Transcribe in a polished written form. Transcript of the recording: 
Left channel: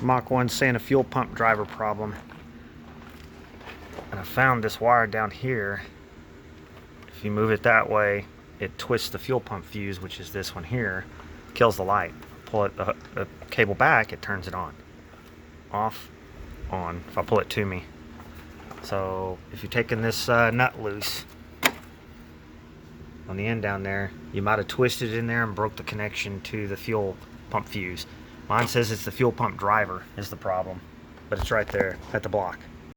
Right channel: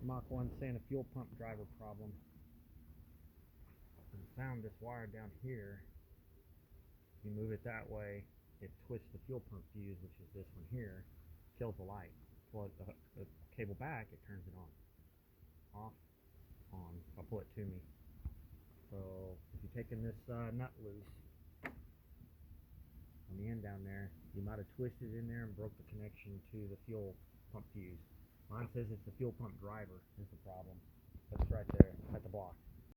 Mach 1 saying a fuel pump driver problem. And I found this wire down here. If you move it that way, it twists the fuel pump fuse, which is this one here, kills the light. Pull it the cable back, it turns it on. Off, on, if I pull it to me. So if you're taking this nut loose on the end down there, you might have twisted it in there and broke the connection to the fuel pump fuse. Mine says it's the fuel pump driver is the problem, but it's right there at the block.